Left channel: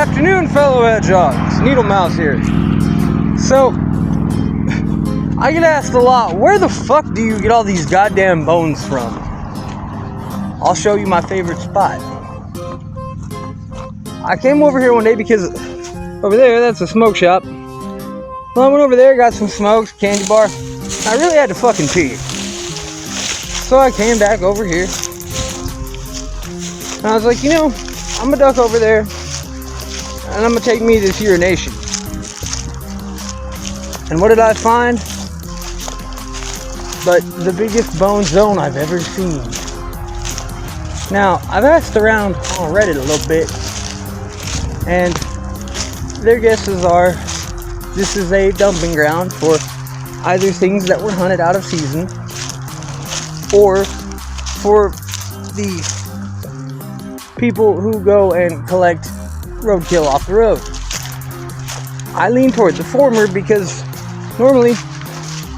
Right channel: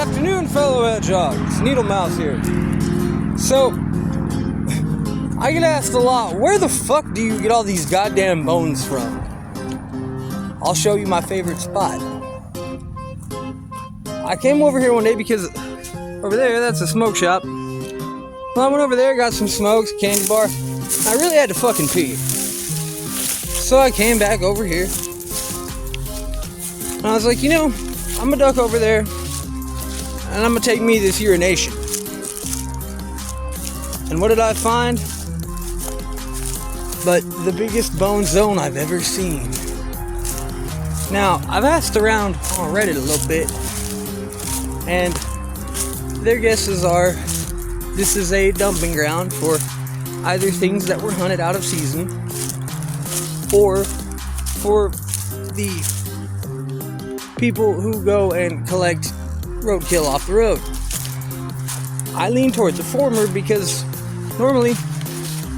afternoon, fellow hedgehogs. Needle Mouse here. So, I get asked a lot, where the fuck do you get all these goddamn bones from? I'll show you my favorite spot. I came over here one day because over there, that's a smoke shop. Well, I went over there, got some smokes, candy bar. I really had to fucking pee. So I came back over here. And I was like, I'm gonna duck over there. And I'm gonna take me this urination. And what did I find? But the biggest bone zone I've ever seen. Now, I've asked around on Reddit a little bit, and their guesses are this is a dumping ground for either things that were hunted out of season or for the people who go and collect roadkill off the road. I lean toward the former because normally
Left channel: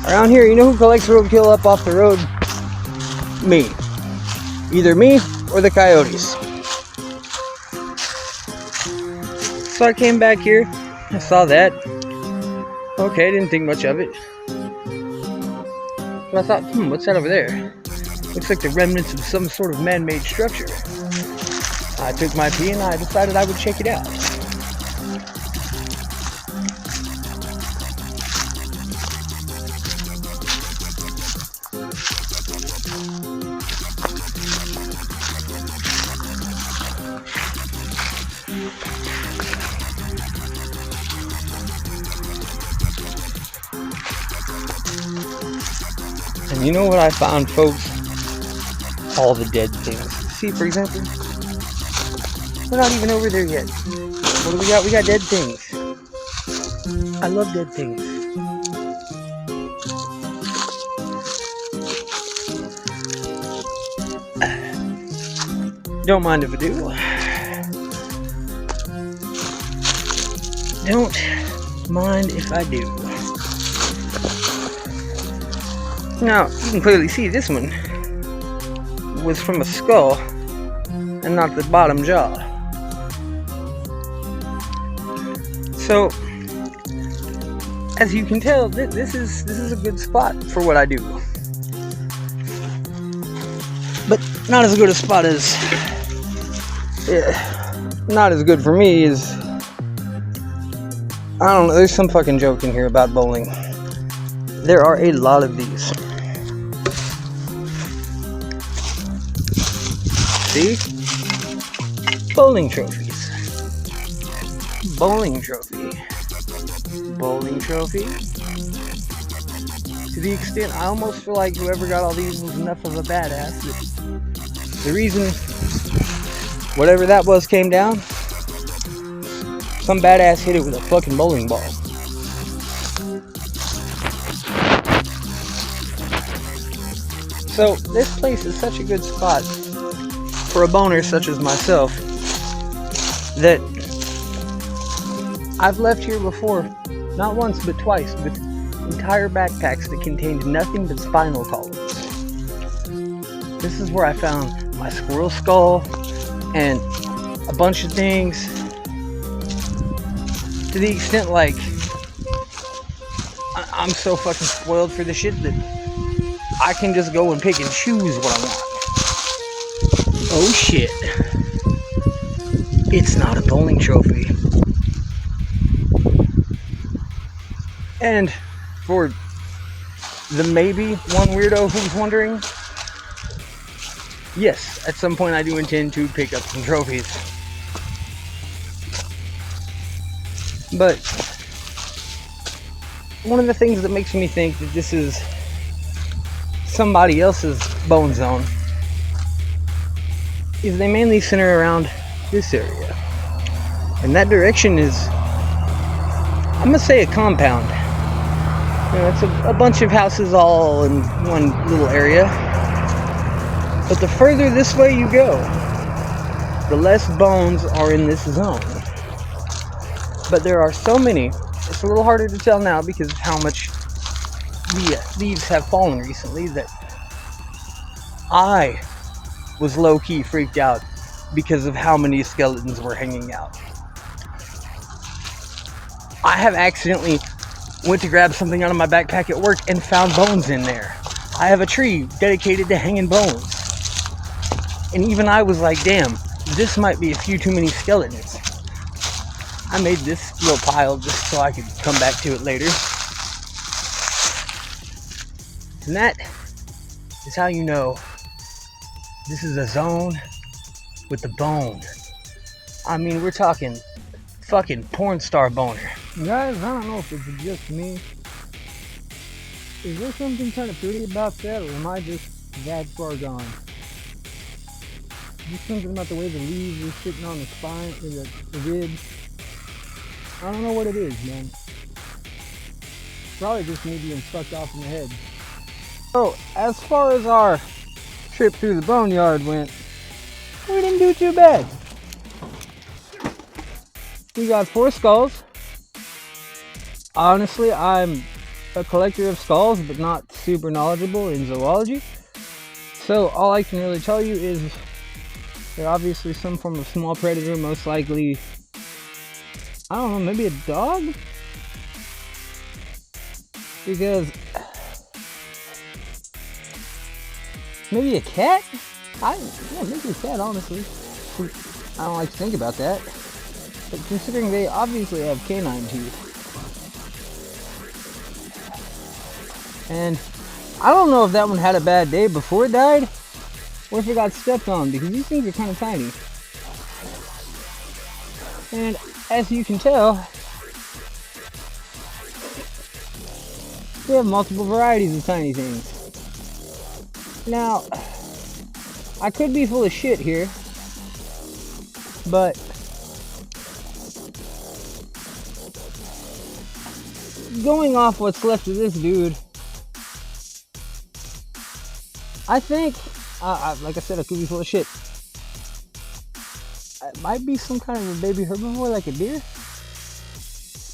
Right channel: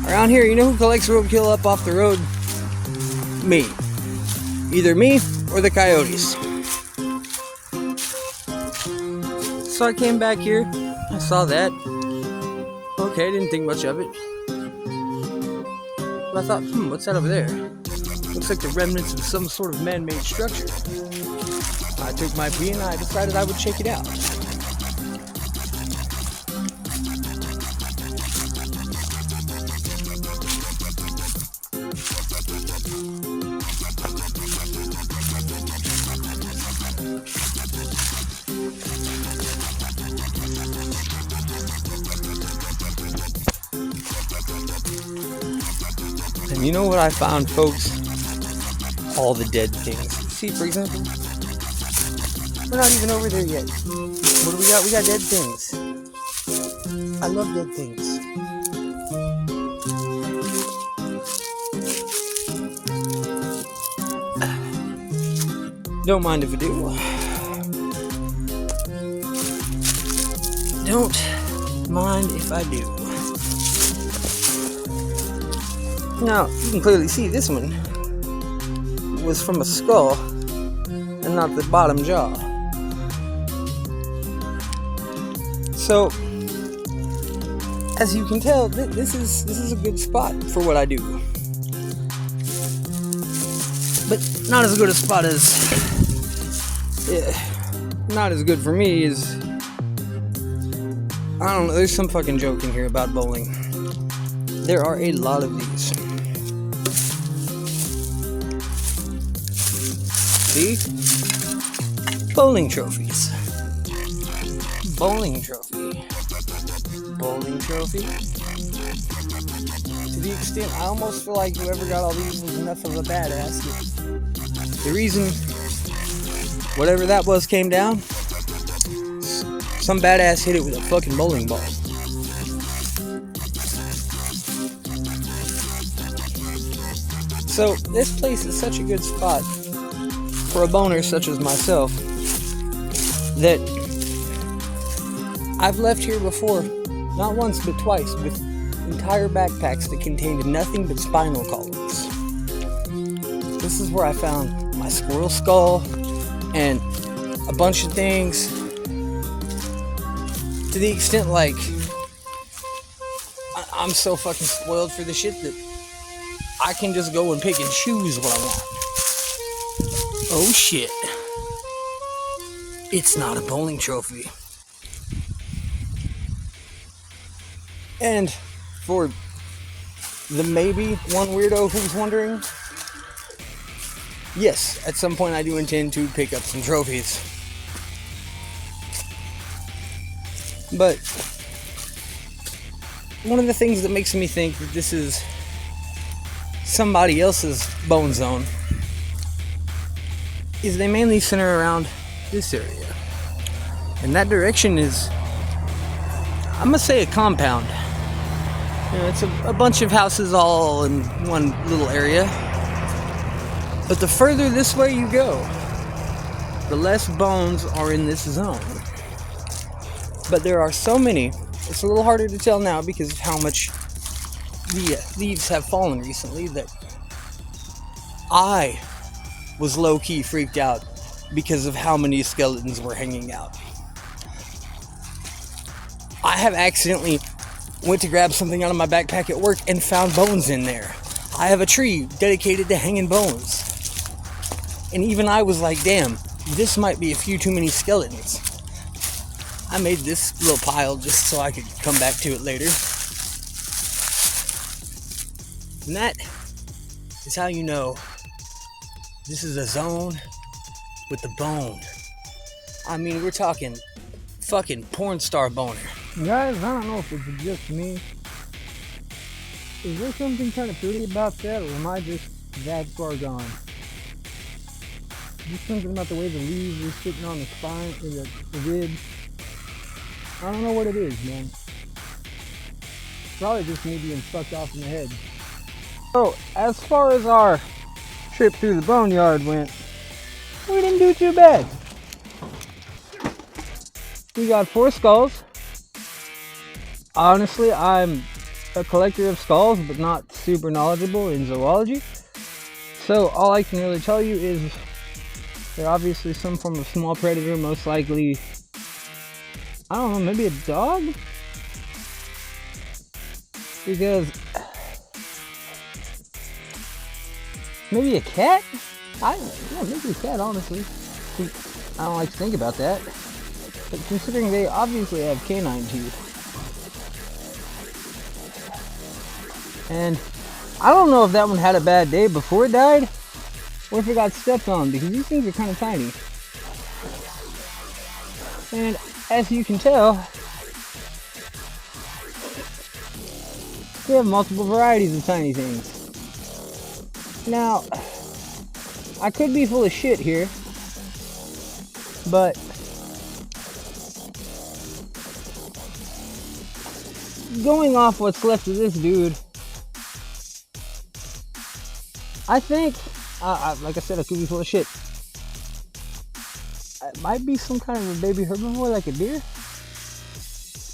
around here, you know who collects roadkill up off the road? Me. Either me or the coyotes. So I came back here, I saw that. Okay, didn't think much of it. But I thought, what's that over there? Looks like the remnants of some sort of man-made structure. I took my pee and I decided I would check it out. And you know what I found, folks? All the dead things. See, for example, we're not even over there yet. What do we got? We got dead things. I love dead things. Don't mind if I do. Don't mind if I do. Now, you can clearly see this one was from a skull and not the bottom jaw. So, as you can tell, this is a good spot for what I do. But not as good a spot as... not as good for me as... I don't know, there's some fucking joke in here about bowling. There are a lot of these. See? Bowling trophies. Bowling trophy. Bowling trophy. To the extent I almost feel like whoever got all these was enough of a badass. The reason whatever that was came down, some badass hit it with a fucking bowling ball. So this place is such a good spot for a boner such as myself that I've left here before, not once but twice, with entire backpacks that contained nothing but spinal columns. This is where I found my squirrel skull and a bunch of things, to the extent like I'm so fucking spoiled for this shit that I can just go and pick and choose what I want. Oh shit. It's not a bowling trophy. And for the maybe one weirdo who's wondering, yes, at some point I do intend to pick up some trophies. But one of the things that makes me think that this is somebody else's bone zone is they mainly center around this area. And that direction is, I'm gonna say, a compound. It's a bunch of houses all in one little area. But the further this way you go, the less bones are in this zone. But there are so many, it's a little harder to tell now because of how much the leaves have fallen recently, that I was low-key freaked out because of how many skeletons were hanging out. I have accidentally went to grab something out of my backpack at work and found bones in there. I have a tree dedicated to hanging bones. And even I was like, damn, this might be a few too many skeletons. I made this little pile just so I could come back to it later. And that is how you know this is a zone with the bone. I mean, we're talking fucking porn star boner. Guys, I don't know if it's just me. Is there something kind of pretty about that, or am I just that far gone? Just something about the way the leaves are sitting on the spine, or the ribs. I don't know what it is, man. Probably just me being fucked off in the head. So, as far as our trip through the boneyard went, we didn't do too bad. We got 4 skulls. Honestly, I'm a collector of skulls, but not super knowledgeable in zoology. So all I can really tell you is they're obviously some form of small predator, most likely, I don't know, maybe a dog? Because maybe a cat? Yeah, maybe a cat, honestly. I don't like to think about that. But considering they obviously have canine teeth. And I don't know if that one had a bad day before it died, or if it got stepped on, because these things are kind of tiny. And as you can tell, we have multiple varieties of tiny things. Now, I could be full of shit here, but going off what's left of this dude, I think, like I said, I could be full of shit. It might be some kind of a baby herbivore like a deer,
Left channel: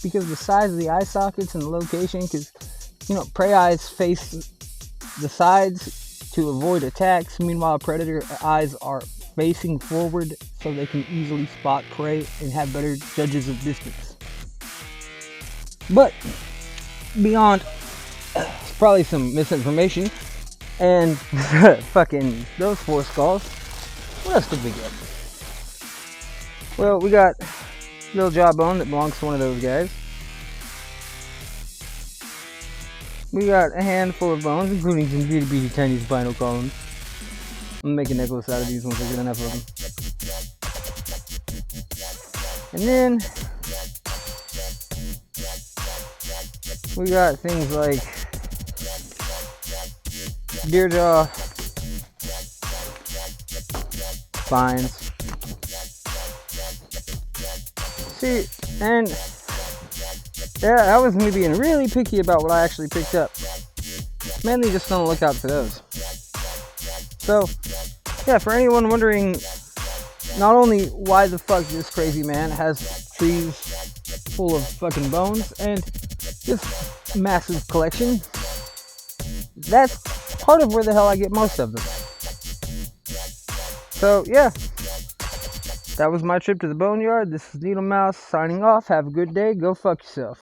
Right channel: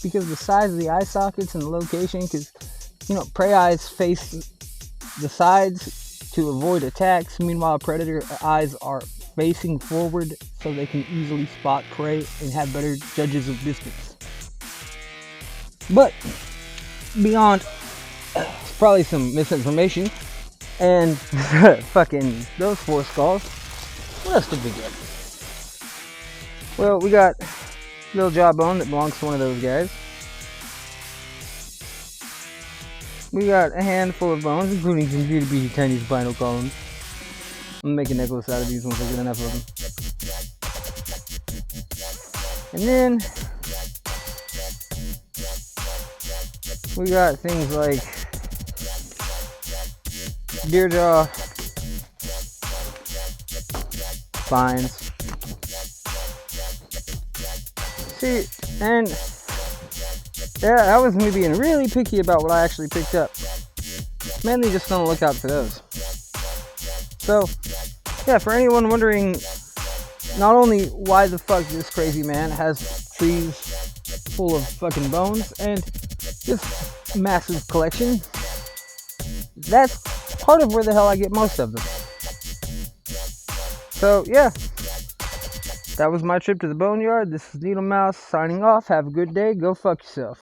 because of the size of the eye sockets and the location, because, you know, prey eyes face the sides to avoid attacks, meanwhile predator eyes are facing forward so they can easily spot prey and have better judges of distance. But beyond probably some misinformation and fucking those 4 skulls, what else did we get? Well, we got little jawbone that belongs to one of those guys. We got a handful of bones, including some itty bitty tiny spinal columns. I'm gonna make a necklace out of these once I get enough of them. And then we got things like deer jaw, spines. See, and yeah, that was me being really picky about what I actually picked up. Mainly just on the lookout for those. So, yeah, for anyone wondering not only why the fuck this crazy man has trees full of fucking bones and this massive collection, that's part of where the hell I get most of them. So, yeah. That was my trip to the boneyard. This is Needle Mouse signing off. Have a good day. Go fuck yourself.